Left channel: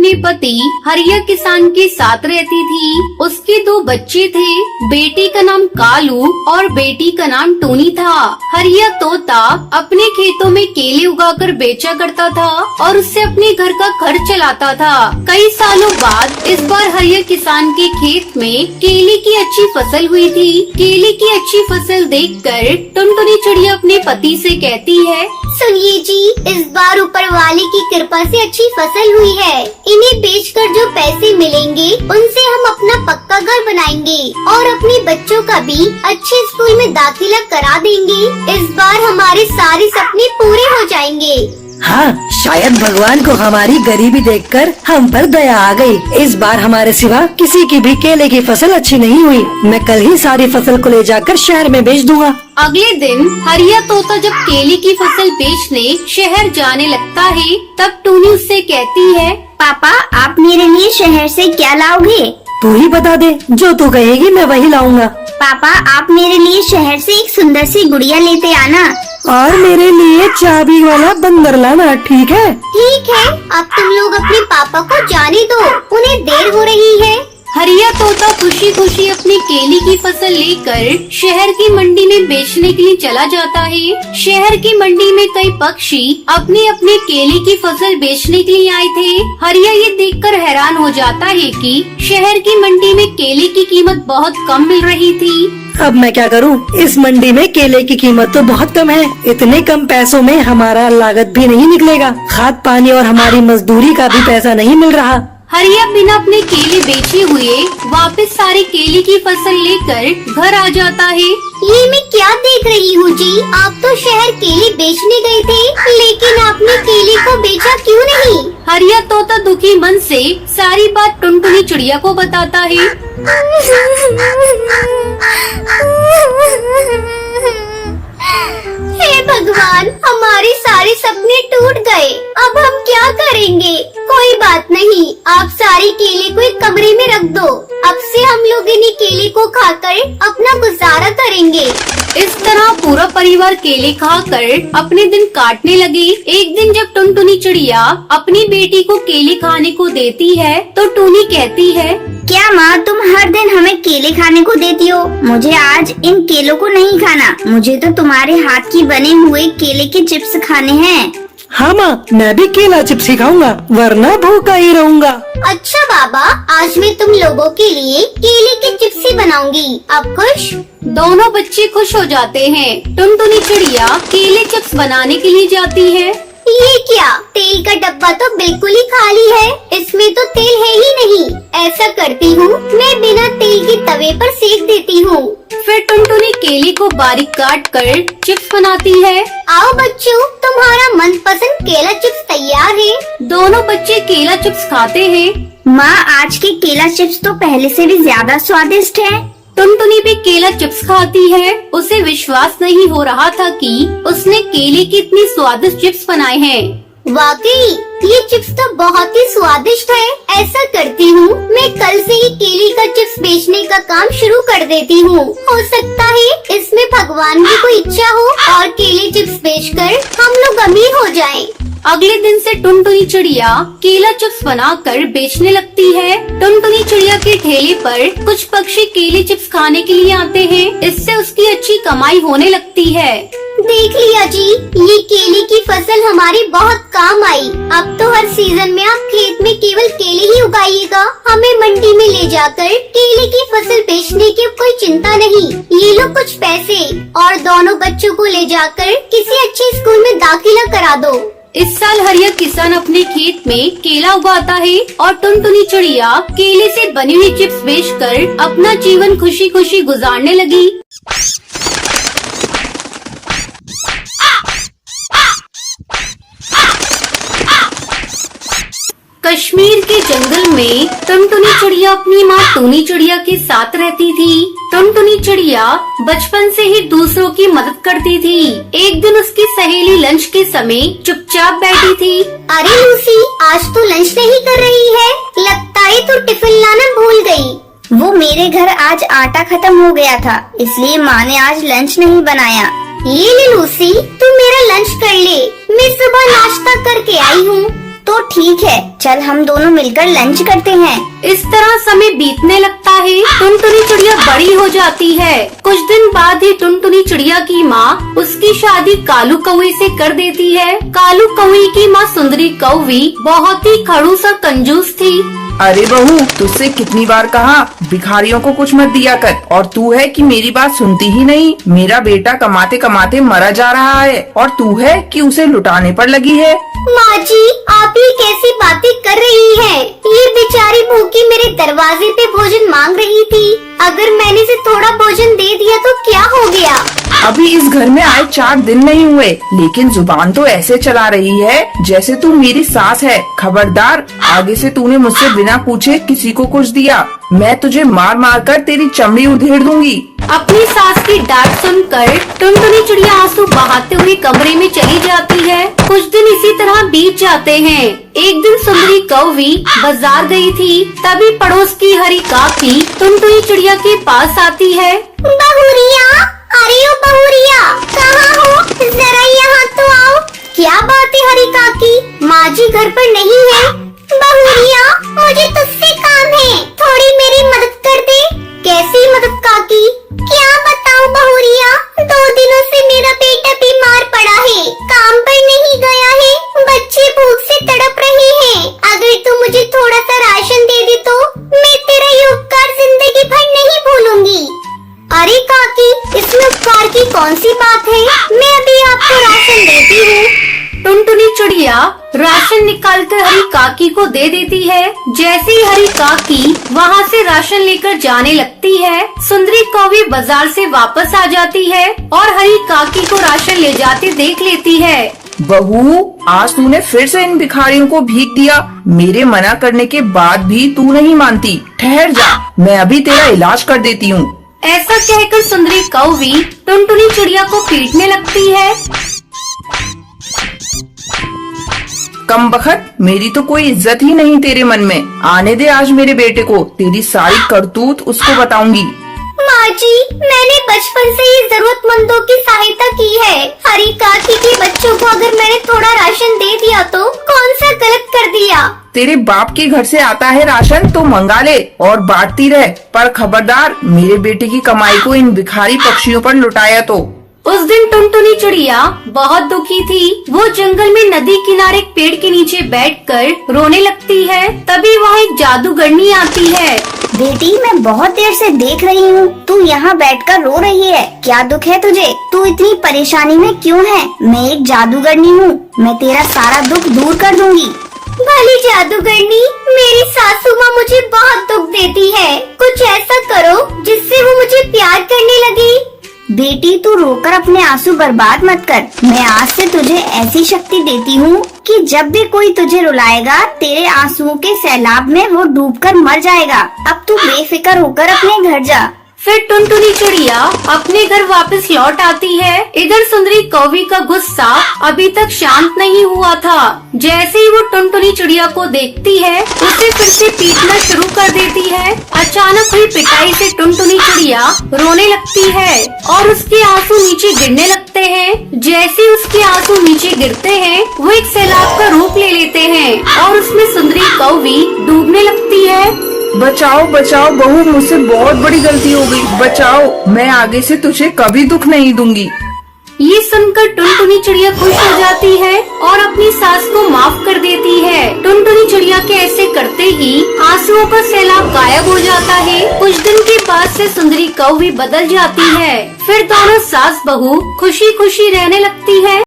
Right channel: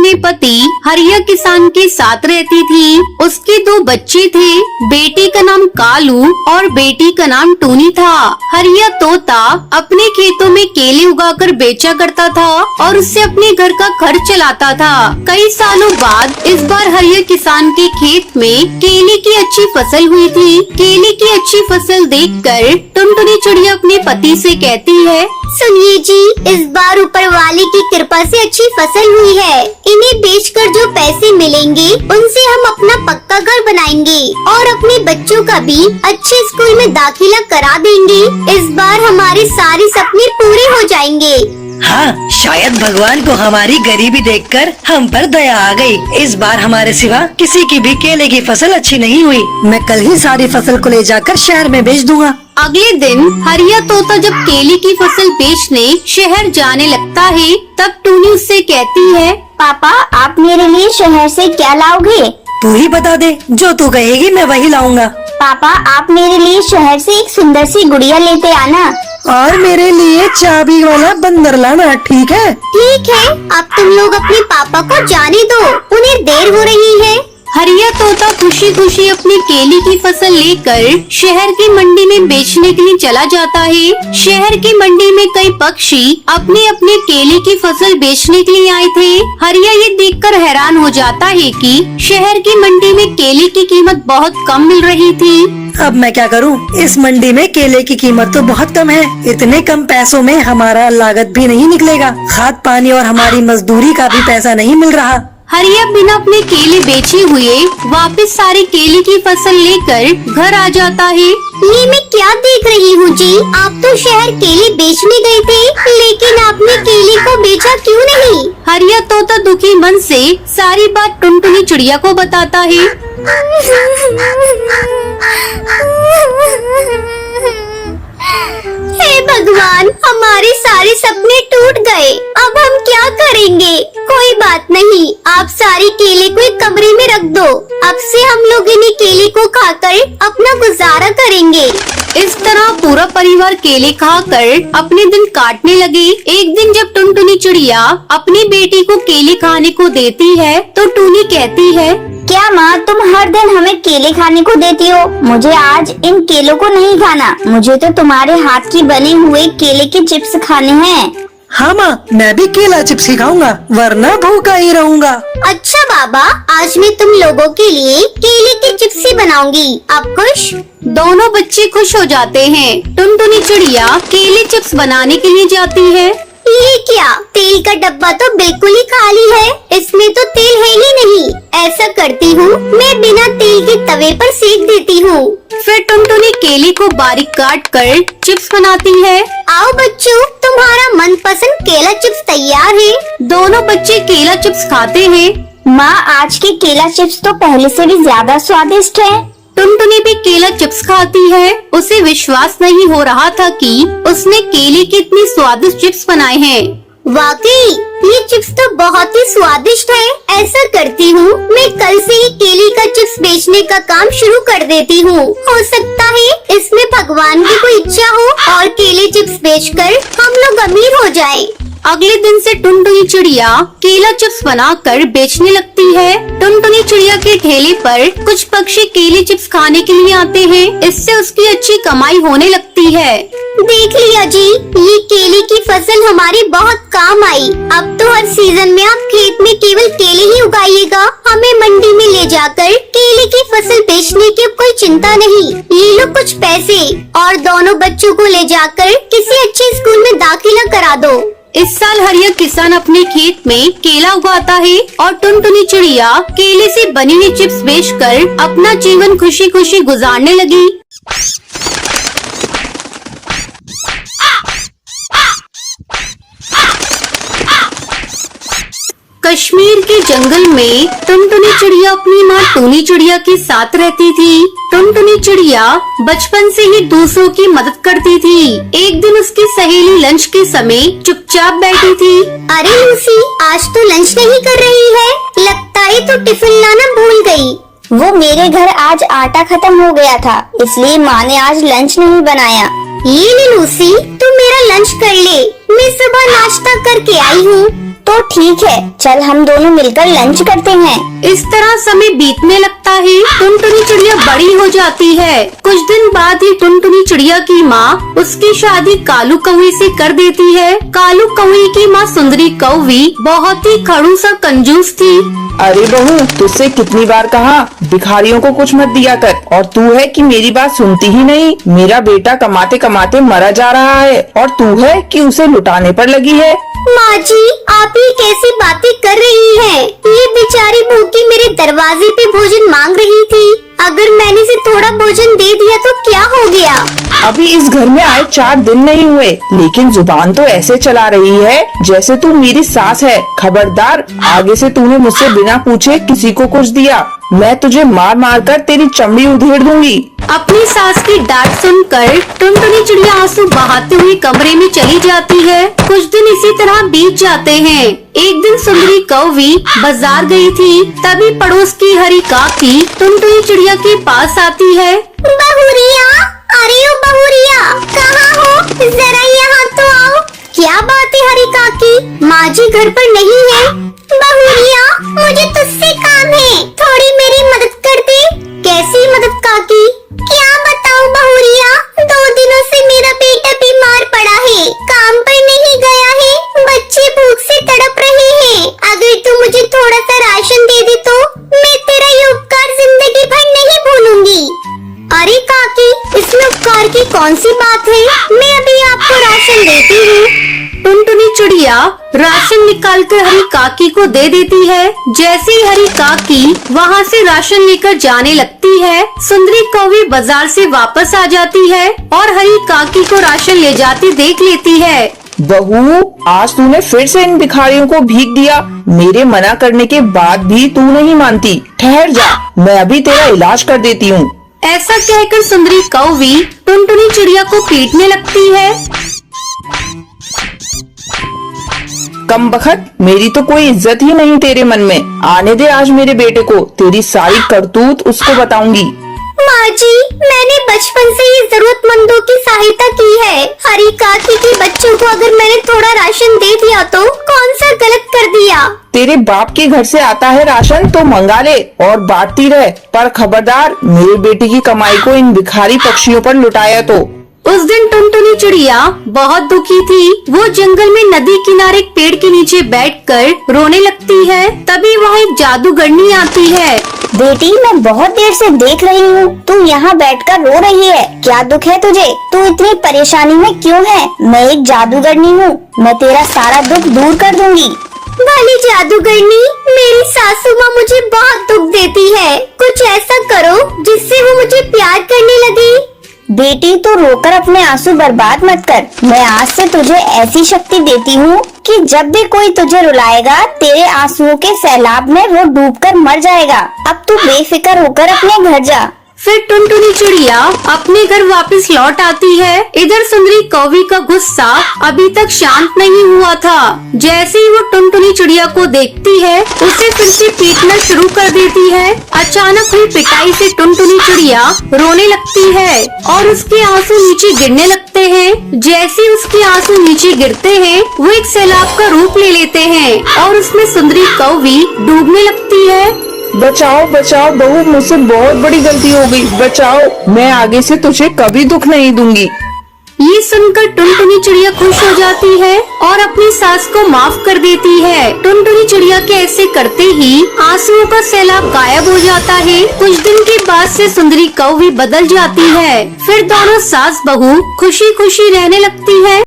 अपने पति हरिया किसान के साथ रहती थी। उसके 2 बच्चे थे, बेटे का नाम कालू और बेटी का नाम टूनी था। हरिया तोता अपने खेतों में केले उगाकर बेचा करता था और उससे अपने घर का खर्च चलाता था। कई सालों बाद इस बार हरिया किसान के खेत में केले की अच्छी फसल हुई थी। केले की अच्छी फसल देखकर टुनटुनी चिड़िया अपने पति से कहती है, सुनिए जी, इस बार ऊपर वाले की कृपा से अच्छी फसल हुई है। इन्हें बेचकर जो पैसे मिलेंगे उनसे हम अपना पक्का घर बनाएंगे और अपने बच्चों का भी अच्छे स्कूल में दाखिला करा देंगे। इस बार हमारे सारे सपने पूरे हो जाएंगे। हाँ, शायद भगवान को हमारी गरीबी देखकर हम पर दया आ गई। इस बार हमारे सिवा किसी की भी केले की फसल अच्छी नहीं हुई। मैं कल ही सारी फसल को ले जाकर शहर में बेच दूंगा। अगले दिन हरिया तोता जब केले की फसल बेचने शहर जाने लगता है, तब टूनी उससे कहती है, पापा, आप मेरे लिए शहर से क्या लाओगे? तू ही बता दे, जो तू कहेगी मैं वही लाऊंगा। पापा, आप मेरे लिए शहर से एक सुंदर सी गुड़िया लेते आना और मेरे लिए चाबी वाला बंदर लाना, ठीक है? ठीक है। अब तुम लोग अपने पापा को जाने दो, उन्हें देर हो रही है। हरिया तोता खुशी खुशी अपनी केले की फसल लेकर शहर की मंडी में बेचने के लिए चला जाता है। शहर की मंडी में कई पक्षी अपने अपने केले की फसल बेचने के लिए आए थे। हरिया ये देखकर हैरान हो जाता है कि शहर की मंडी में केले की कीमत बहुत कम मिल रही थी। अब मैं क्या करूं? इस मंडी में केले की कीमत तो बहुत कम है। इतने कम पैसों में हमारा लागत भी नहीं निकलेगा। खाद पानी और हमारी मजदूरी का भी पैसा नहीं मिल रहा। हरिया बिना अपने केले बेचे हुए वापस सारी केले की फसल लेकर घर आ जाता है। ये मैं क्या देख रही हूँ जी? आप तो शहर केले बेचने गए थे, लेकिन आपने केले को बेचा क्यों नहीं? हरिया तोता दुखी मन से सारी बात टुनटुनी चिड़िया को बताता है। हे भगवान, हमारे सारे सपने टूट गए। अब हम क्या करेंगे? कोई बात नहीं, आप सारे केले को एक कमरे में रख दो। अब से हम लोग इन्हें केले को खाकर अपना गुजारा करेंगे। इस तरह पूरा परिवार केले खाकर अपने दिन काटने लगे। एक दिन जब टुनटुनी चिड़िया अपनी बेटी को केले खाने को देती है, तो टूनी कहती है, क्या माँ, तुम हर दिन हमें केले खाने को देती हो? मुझे आज इन केलों को नहीं खाना। मुझे तो तुम्हारे हाथ की बने हुए केले के चिप्स खाने हैं। हाँ माँ, मैं भी केला चिप्स ही खाऊंगा, वरना भूखा ही रहूंगा। अच्छा बाबा, आज मैं तुम लोगों के लिए केले के चिप्स ही बनाऊंगी। आप खुश? दोनों बच्चे खुश हो जाते हैं। टुनटुनी चिड़िया केले चिप्स बनाने के लिए जाती है। ये क्या? तेल का डब्बा तो बिल्कुल ही खाली है, इसमें तो तेल है ही नहीं। ऐसा करती हूँ, मैं बिना तेल के तवे पर सेक देती हूँ। फिर टुनटुनी केले को बारीक काट कर चिप्स बनाती है। आओ बच्चों, तुम्हारा मनपसंद केला चिप्स तैयार है। दोनों बच्चे केला चिप्स खाते हैं। माँ, आज के केला चिप्स तो पहले से भी ज्यादा स्वादिष्ट है। टुनटुनी भी केला चिप्स खाती है। उसे विश्वास नहीं हो रहा था कि उसने केले के इतनी स्वादिष्ट चिप्स बनाए हैं। वाकई ये चिप्स तो बहुत ही स्वादिष्ट है। ऐसा करती हूँ, मैं कल से ही केले का चिप्स बेचने का काम शुरू कर देती हूँ। हो सकता है इसमें भगवान की कोई इच्छा हो और केले चिप्स बेचकर हम लोग अमीर हो जाएं। अगले दिन से टुनटुनी चिड़िया केला चिप्स बनाकर बेचने लगती है। टुनटुनी चिड़िया के ठेले पर कुछ पक्षी केले चिप्स खाने के लिए आते हैं। इससे उसकी अच्छी कमाई होने लगती है। देख लिया जी, ये केले की फसल हमारे बहुत काम आई। अब तो हर सीजन में आप खेत में केवल केले ही उगाइएगा। हमें मंडी में ले जाकर केले की फसल बेचने की कोई चिंता नहीं। ले लो कुछ पैसे और दोनों बच्चों को ले जाकर किसी अच्छे स्कूल में दाखिला करा दो। इस साल हरिया किसान अपने खेत में केला उगाता है और टुनटुनी चिड़िया केले से बनी हुई चिप्स बेचकर अपना जीवन खुशी खुशी गुजारने लगी। कश्मीर के जंगल में टुनटुनी चिड़िया अपनी माँ टूनी चिड़िया के साथ रहती थी। टुनटुनी चिड़िया बचपन से ही दूसरों की मदद करती थी। एक दिन उसकी सहेली लंच के समय चुपचाप बैठी थी। अरे लूसी, आज तो लंच नहीं कर रही है। लगता है तो टिफिन लाना भूल गई। वो मेरे घर आज आटा खत्म हो गया था, इसलिए माँ ने आज लंच नहीं बनाया। ये ले लूसी, तू मेरा लंच कर ले। मैं सुबह नाश्ता करके आई हूँ। तो ठीक है, चल हम दोनों मिलकर लंच करते हैं। इस तरह समय बीतने लगता है। टुनटुनी चिड़िया बड़ी हो जाती है। कुछ दिन बाद ही टुनटुनी चिड़िया की माँ उसकी शादी कालू कौवी से कर देती है। कालू कौवी की माँ सुंदरी कौवी बहुत ही खड़ूस और कंजूस थी। अरे बहू, तुझसे कितनी बार कहा भिखारियों को कुछ मत दिया कर, और तू है कि मेरी बात सुनती ही नहीं। मेरा बेटा कमाते कमाते मरा जा रहा है और तू है कि उसे लुटाने पर लगी है। माँ जी, आप ये कैसी बातें कर रही हैं? ये बेचारी भूखी मेरे दरवाजे पे भोजन मांग रही थी। अगर मैंने इसे थोड़ा भोजन दे दिया तो क्या हो गया? अभी इस घर में आए 4 दिन नहीं हुए, लेकिन जुबान तो ऐसे चला रही है जैसे तू मेरी सास है। खबरदार, आगे से तूने मुझसे बिना पूछे किसी को कुछ दिया, मैं तुझे मार मार कर तेरी चमड़ी उधेड़ दूंगी। अपनी सास की डांट सुनकर टुनटुनी चिड़िया आंसू बहाते हुए कमरे में चली जाती है। कुछ दिन इसी तरह बीत जाते हैं। एक दिन सुंदरी कौवी बाजार गई थी, तभी पड़ोस की हरी काकी टुनटुनी चिड़िया के पास आती है। बहुरिया, अरे ओ बहुरिया, कहाँ हो? जरा यहाँ तो आओ। क्या बात है हरी काकी, माँ जी घर पर नहीं है? बहुरिया, मुझे तुझसे काम है, थोड़ी मेरी मदद कर दे। कैसी मदद काकी? क्या बताऊँ बहुरिया, 2 दिनों से मेरा बेटा बीमार पड़ा है, काम पर नहीं गया है, बच्चे भूख से तड़प रहे हैं। अगर तू मुझे थोड़ा सा राशन दे दे तो मैं तेरा ये उपकार जिंदगी भर नहीं भूलूंगी। अरे काकी, इसमें उपकार की कौन सी बात है? मैं अभी आपको राशन देती हूँ। टुनटुनी चिड़िया राशन निकालते हरी काकी को दे देती है। जैसे ही हरी काकी वहाँ से राशन लेकर जाने लगती है, सुंदरी कौवी बाजार से वापस आ जाती है और हरी काकी को राशन ले जाते देख लेती है। बहू, आज तूने फिर से इन भिखारियों को भीख दिया। मेरे मना करने के बाद भी तू नहीं मानती। ठहर जा, मैं अभी तेरा इलाज कर देती हूँ। ऐसा कहकर सुंदरी कौवी टुनटुनी चिड़िया को पीटने लगती है। कमबख्त, मेरी तो कोई इज्जत ही नहीं तेरे मन में। आने दे आज मेरे बेटे को, तेरी सारी करतूत उसको बताऊंगी। माँ जी, मैंने बचपन से ही जरूरतमंदों की सहायता की है। हरी काकी के बच्चों को अगर मैंने थोड़ा राशन दे दिया तो कौन सा गलत कर दिया? तेरे बाप के घर से आता है राशन तो मंगा ले और बांटती रहे, पर खबरदार मेरे बेटे की कमाई को इन भिखारी पक्षियों पर लुटाया तो। उस दिन टुनटुनी चिड़िया बहुत दुखी थी। वो जंगल में नदी किनारे एक पेड़ के नीचे बैठकर रोने लगती है। तभी वहाँ एक जादूगरनी आती है। बेटी, मैं बहुत देर से देख रही हूँ, तुम यहाँ बैठकर रो रही है। क्या दुख है तुझे? तू इतनी परेशानी में क्यों है? मैं एक जादूगरनी हूँ, मैं तेरा सारा दुख दूर कर दूंगी। भली जादूगरनी, मेरी सासू माँ मुझे बहुत दुख देती है। कुछ ऐसा करो जिससे वो मुझे प्यार करने लगे। बेटी, तो रोकर अपने आंसू बर्बाद मत कर। मैं आज से तुझे ऐसी शक्ति देती हूँ कि जब भी कोई तुझे रुलाएगा, तेरे आंसुओं के सैलाब में वो डूबकर मर जाएगा। अब तू बेफिक्र होकर अपने घर जा। फिर टुनटुनी चिड़िया अपने घर वापस लौट आती है। इधर सुंदरी कौवी का गुस्सा अभी तक शांत नहीं हुआ था। जैसे ही वो टुनटुनी चिड़िया को देखती है, उसे फिर से पीटना शुरू कर देती है। अचानक हुई पिटाई से टुनटुनी चिड़िया रोने लगती है और उसके आंसू नीचे गिरने लगते हैं। जैसे ही उसके आंसू नीचे गिरते हैं, वो एक सैलाब का रूप ले लेते हैं और उसमें सुंदरी कौवी डूबने लगती है। बचाओ बचाओ बहू, मुझसे बहुत बड़ी गलती हो गई, बचाओ। मैं आगे से तुझे कभी दुख नहीं दूंगी। ये सुनकर टुनटुनी चिड़िया खुश हो जाती है और अपनी सास को माफ कर देती है। टुनटुनी चिड़िया के ऐसे करते ही आंसुओं का सैलाब गायब हो जाता है। कुछ दिन के बाद से सुंदरी कौवी बदल जाती है। फिर दोनों सास बहू खुशी खुशी रहने लगती है।